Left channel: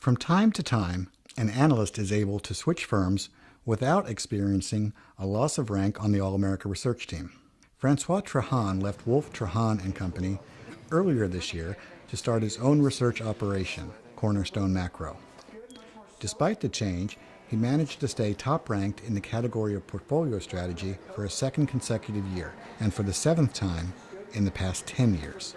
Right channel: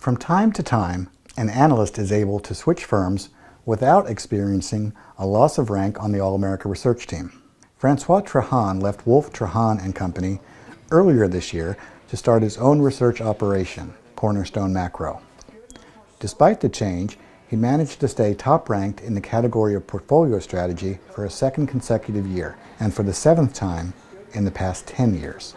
From time to time, an analyst is able to switch firms without experiencing a loss of rank on the All-America research team. Francois Trahan left Wolf Trahan and Company earlier this year to start his own research operation, Cornerstone Macro. Despite the change, he managed to stay top-ranked in the category of portfolio strategy for a second consecutive year, and for the seventh time in the past 10 years.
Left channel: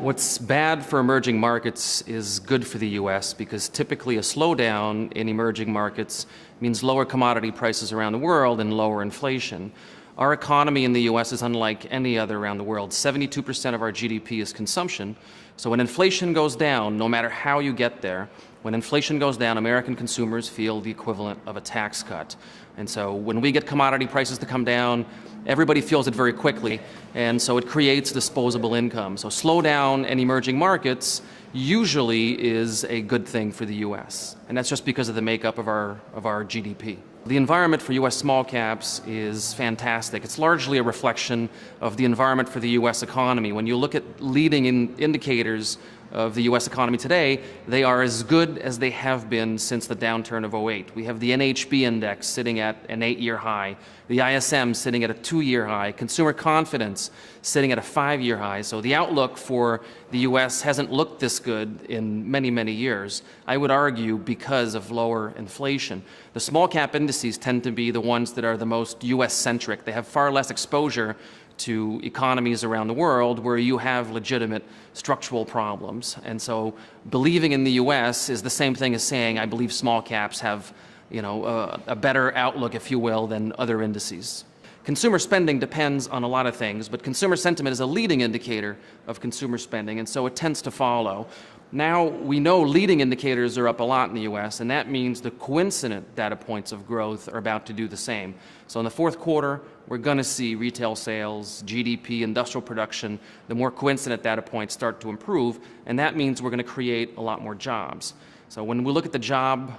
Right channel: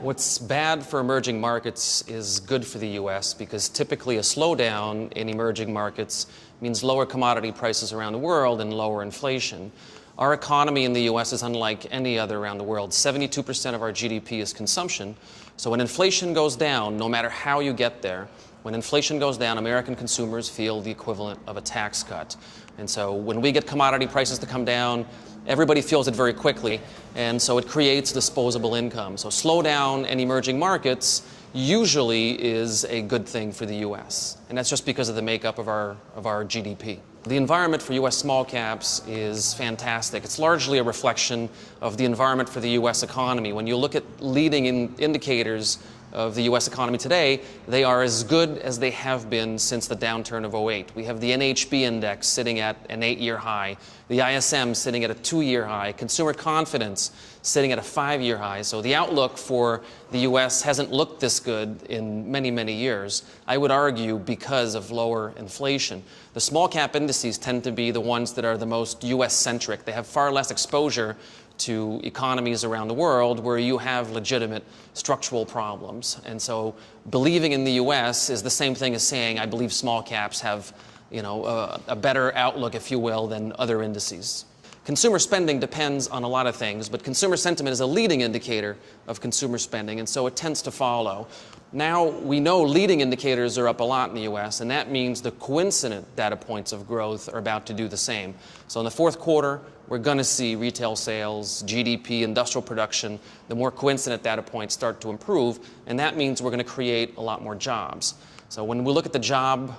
What's bad for emerging markets is good for the U.S. because typically a slowdown in emerging markets means lower commodity prices around the world and lower inflation. Our economy in the U.S. is unlike any other around the world. 72% of our GDP is consumption. So when inflation goes down, no matter how you get there, when inflation goes down, American consumers feel the equivalent of a tax cut. And so when we get commodity prices to come down, everybody feels it very quickly, and so it creates disposable income. So slowdown in emerging markets usually is a good thing for the U.S., and that's just because of the makeup of our GDP. The environment for U.S. small caps is fantastic. It's largely a reflection of the environment for the U.S. economy. When you look at leading indicators of the U.S. economy today, they are as good as they have been since the downturn of '08. We have the NHB index sitting at an 8-year high, the ISM sitting at a 2-year high, consumer confidence sitting at a 5-year high. So the outlook for the U.S. hasn't looked this good in many, many years. I would argue because of lower inflation. The small cap indices tend to be the ones that are the most U.S.-centric. They have far less exposure to economies around the world where you have legitimate structural problems. And so believing in the U.S. is the same thing as saying I believe small caps have, a better outlook, if you will, than other indices. Consumer spending depends on a lot of things, but consumer sentiment is a leading indicator of consumer spending, and so it tends to follow. Now we know leading indicators are up a lot in the U.S., and that means the coincident data points of growth are about to do the same. So in the fourth quarter, we're going to see retail sales, GDP, industrial production, the more coincident data points start to improve, and that means we're going to create a lot more jobs. So when we look at the job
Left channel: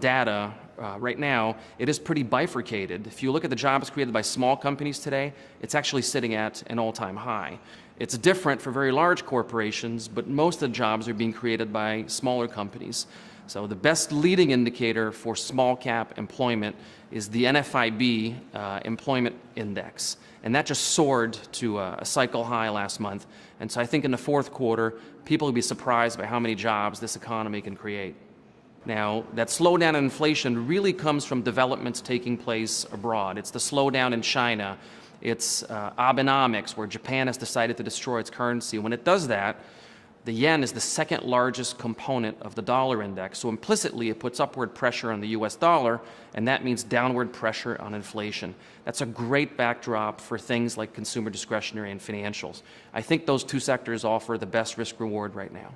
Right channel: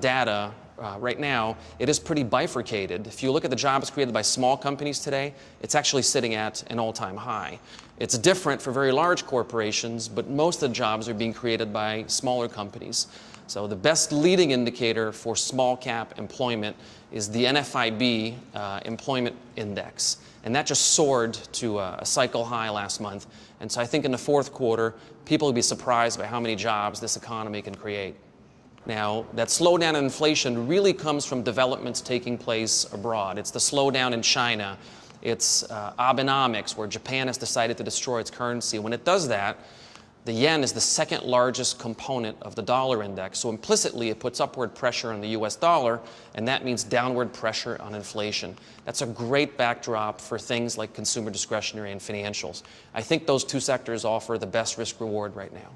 data right now, it is pretty bifurcated. If you look at the jobs created by small companies today, it's actually sitting at an all-time high. It's different for very large corporations, but most of the jobs are being created by smaller companies. So the best leading indicator for small cap employment is the NFIB employment index. And that just soared to a cycle high last month. And so I think in the fourth quarter, people will be surprised by how many jobs this economy can create. Now, that slowdown in inflation really comes from developments taking place abroad. It's the slowdown in China. It's Abenomics, where Japan has decided to destroy its currency. When it does that, the yen is the second largest component of the dollar index. So implicitly, it puts upward pressure on the U.S. dollar, and that means downward pressure on inflation. That's a great backdrop for things like consumer discretionary and financials. I think those two sectors offer the best risk reward right now.